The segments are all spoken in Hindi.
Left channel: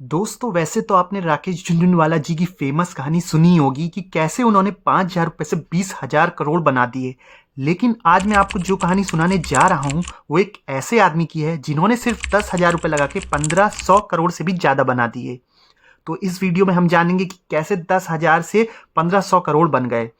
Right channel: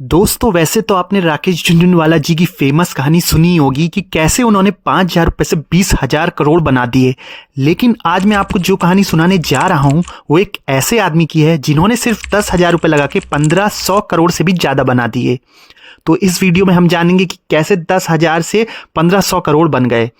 दोस्तों वैसे तो आपने राकेश झुनझुनवाला जी की फेमस कहानी सुनी होगी कि कैसे उन्होंने 5,000 रुपये से 20,000 करोड़ बना दिए। लेकिन आज मैं आपको जो कहानी सुनाने जा रहा हूं वो एक ऐसे आदमी की है जिन्होंने सिर्फ 10,000 रुपये लगा के 1,500 करोड़ से भी ज़्यादा बना दिए। तो इस वीडियो में हम जानेंगे कि कैसे 10,000 से 1,500 करोड़ बन गए।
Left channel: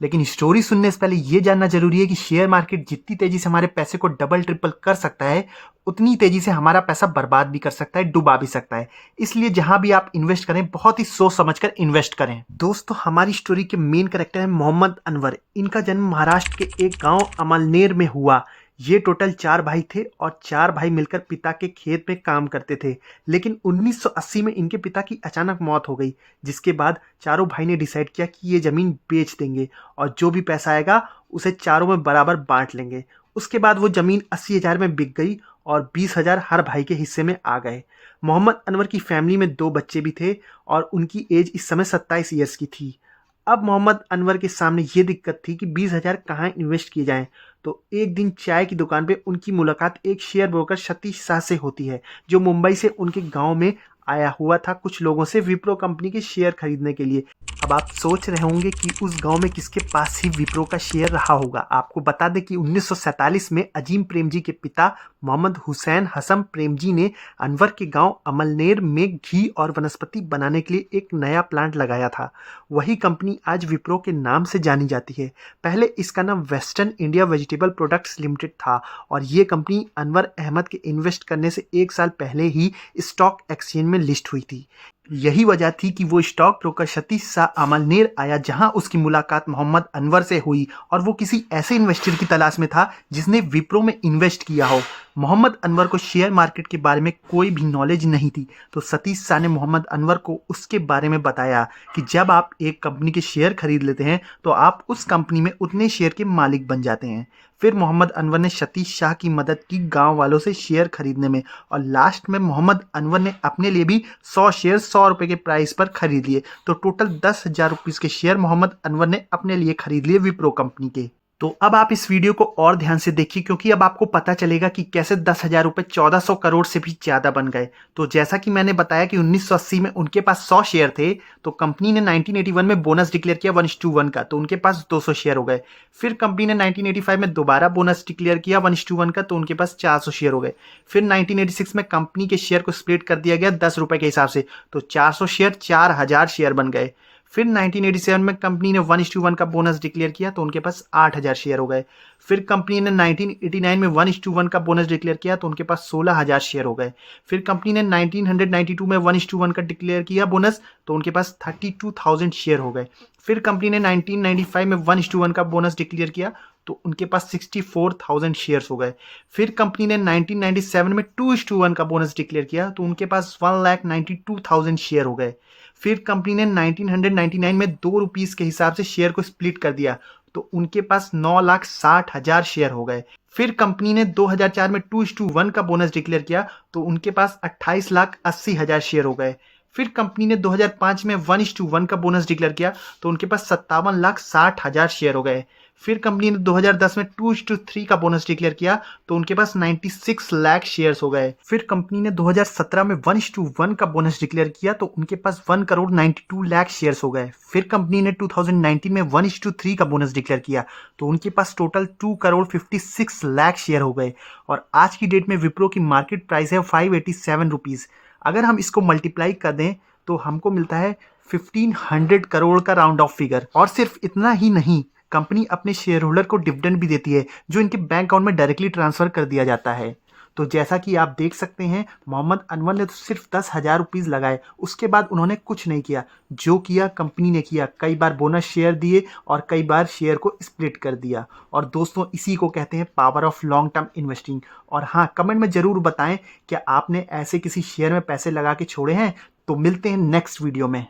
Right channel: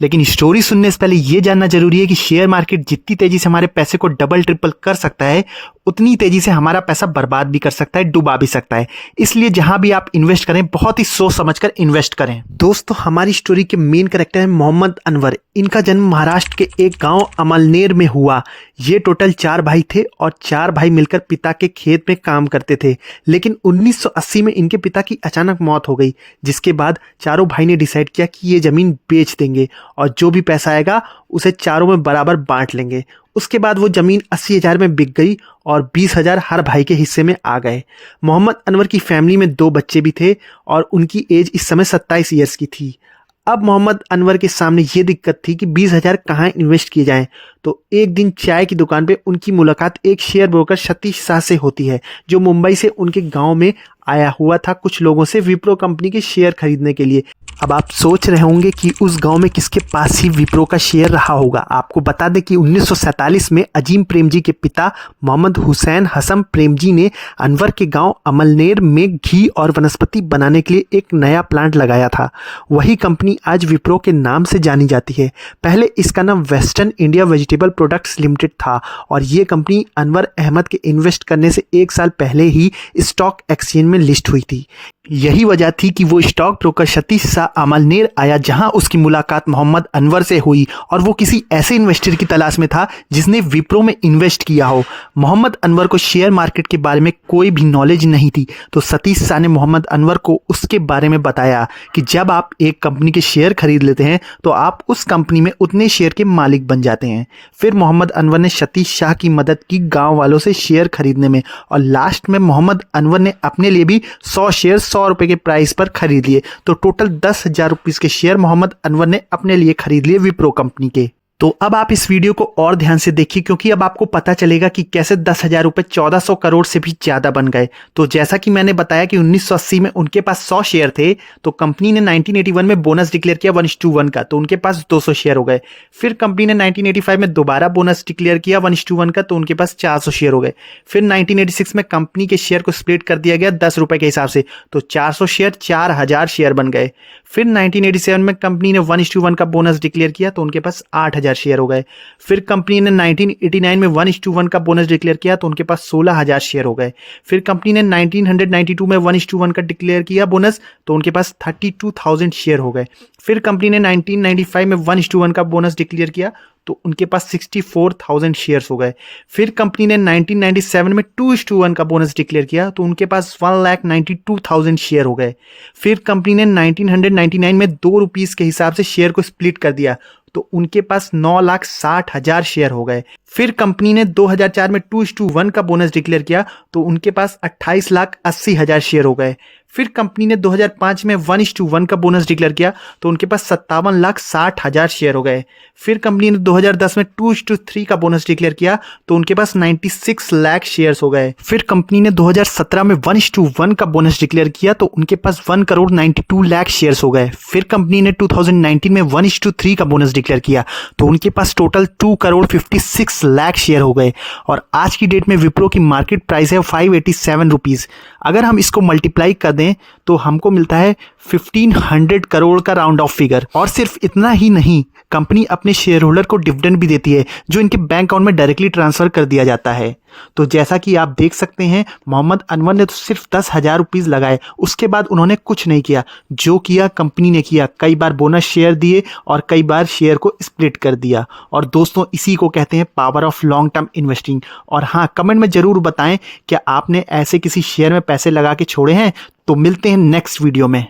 लेकिन स्टोरी सुनने से पहले ये जानना जरूरी है कि शेयर मार्केट जितनी तेजी से हमारे पैसे को डबल ट्रिपल कर सकता है उतनी तेजी से हमारा पैसा बर्बाद भी कर सकता है, डुबा भी सकता है। इसलिए जहां भी आप इन्वेस्ट करें बहुत ही सोच समझकर इन्वेस्ट करें। दोस्तों हमारी स्टोरी के मेन कैरेक्टर है मोहम्मद अनवर। इनका जन्म महाराष्ट्र के एक गांव अमलनेर में हुआ। ये टोटल 4 भाई थे और 4 भाई मिलकर पिता के खेत में काम करते थे। लेकिन 1980 में इनके पिता की अचानक मौत हो गई, जिसके बाद चारों भाई ने डिसाइड किया कि ये जमीन बेच देंगे और जो भी पैसा आएगा उसे चारों में बराबर बांट लेंगे। उसके बाद वो जमीन 80,000 में बिक गई और 20,000 हर भाई के हिस्से में आ गए। मोहम्मद अनवर की फैमिली में 2 बच्चे भी थे और उनकी एज इस समय 27 ईयर्स की थी। अब मोहम्मद अनवर के सामने ये दिक्कत थी कि 20,000 कहाँ इन्वेस्ट किए जाएं। तो एक दिन चाय की दुकान पे उनकी मुलाकात एक शेयर ब्रोकर सतीश शाह से होती है, जो मुंबई से उनके गांव में आया हुआ था कुछ लोगों से विप्रो कंपनी के शेयर खरीदने के लिए। अब आप सोच रहे होंगे कि उस गांव में किसके पास ही विप्रो का शेयर रहा होगा। आपको बता दें कि 1947 में अजीम प्रेमजी के पिता मोहम्मद हुसैन हसन प्रेमजी ने अनवर के गांव अमलनेर में घी और वनस्पति बनाने के लिए एक नया प्लांट लगाया था। वही कंपनी आज विप्रो के नाम से जानी जाती है। पहले इसका नाम western India vegetable products limited था और ये कंपनी अनवर अहमद के इन्वेस्ट करने से 1 साल पहले ही स्टॉक एक्सचेंज में लिस्ट हुई थी। यही वजह थी कि वो स्टॉक ब्रोकर सतीश शाह अमलनेर आया, जहां उसकी मुलाकात मोहम्मद अनवर से हुई और वो किसी ऐसे इन्वेस्टर की तलाश में था जिसने विप्रो में इन्वेस्ट किया हो। मोहम्मद अनवर को शेयर मार्केट के बारे में कोई भी नॉलेज नहीं थी, तो सतीश शाह ने मोहम्मद अनवर को उसके बारे में बताया कि जब आप एक कंपनी के शेयर खरीद लेते हैं तो आप उस कंपनी में उतने शेयर के मालिक बन जाते हैं। फिर मोहम्मद अनवर ने सतीश शाह की मदद की गाँव वालों से शेयर खरीदने में और लास्ट में मोहम्मद अनवर ने अपने लिए भी 100 शेयर 100 रुपए के प्राइस पर खरीद लिए। तो टोटल 10,000 रुपीज के शेयर मोहम्मद अनवर ने अपने लिए खरीद लिए विप्रो कंपनी के। तो अब आप इस वीडियो को और ध्यान से देखिए, क्योंकि अब आपको पता चलेगा कि कैसे 10,000 रुपये 1,400 करोड़ से भी ज़्यादा बन गए। तो जैसा कि मैंने बताया कि 1980 में उनके पास 100 शेयर थे, तो कंपनी ने 1981 में बोनस डिक्लेयर किया 1:1 का, तो उनके पास 200 शेयर हो गए। फिर कंपनी ने 1985 में दोबारा बोनस डिक्लेयर किया 1:1 का, तो उनके पास 400 शेयर हो गए। फिर 1986 में कंपनी के शेयर को स्प्लिट कर दिया गया 10 रुपये के हिसाब से, तो 400 शेयर 4,000 शेयर बन गए। फिर 1987 में कंपनी ने 1:1 का बोनस डिक्लेयर किया, तो उनके पास 8,000 शेयर हो गए। फिर कंपनी ने 1989 में 1:1 का बोनस डिक्लेयर किया, तो उनके पास 16,000 शेयर हो गए। फिर कंपनी ने 1992 में 1:1 का डिक्लेयर किया बोनस, तो उनके पास 32,000 शेयर हो गए। फिर कंपनी ने 1995 में 1:1 का बोनस डिक्लेयर किया, तो उनके पास 64,000 शेयर्स हो गए। फिर कंपनी ने 1997 में 2:1 का बोनस डिक्लेयर किया, तो उनके पास 1,92,000 शेयर हो गए। फिर कंपनी ने 1999 में 2 रुपीस के हिसाब से शेयर को स्प्लिट कर दिया, तो उनके पास 9,60,000 शेयर हो गए। फिर कंपनी ने 2004 में 2:1 का बोनस डिक्लेयर किया, तो उनके पास 28,80,000 शेयर हो गए। फिर कंपनी ने 2005 में 1:1 का बोनस डिक्लेयर किया, तो उनके पास 57,60,000 शेयर हो गए। फिर कंपनी ने 2010 में 2:3 का बोनस डिक्लेयर किया, तो उनके पास 96 लाख शेयर्स हो गए। फिर कंपनी ने 2017 में 1:1 का बोनस डिक्लेयर किया, तो उनके पास 1,92,00,000 शेयर्स हो गए। फिर कंपनी ने 2019 में 1:3 का बोनस डिक्लेयर किया, तो उनके पास टोटल 2,56,00,000 शेयर हो गए। और आज की डेट में विप्रो की मार्केट प्राइस है 587 रुपीज़। अगर हम इसको मल्टीप्लाई कर दें तो हमको मिलता है 1,500 करोड़ का राउंड ऑफ फिगर। और सिर्फ इतना ही नहीं, कंपनी अपने शेयर होल्डर को डिविडेंड भी देती है, जो इनके बैंक अकाउंट में डायरेक्टली ट्रांसफर कर दिया जाता है। तो जैसा कि आप देख सकते हैं, मोहम्मद अनवर ने तो सिर्फ 10,000 रुपीज़ लगाए, उसके बाद उन्होंने कुछ नहीं किया। जो किया कंपनी ने किया, कई बार बोनस शेयर दिए और कई बार शेयर को स्प्लिट कर दिया। और दोस्तों इसी को कहते हैं power of long term investing. और हाँ, कमेंट में ज़रूर बताएं क्या आपने ऐसे किसी शेयर में पैसे लगा के छोड़े हैं। तो मिलते हैं नेक्स्ट वीडियो में।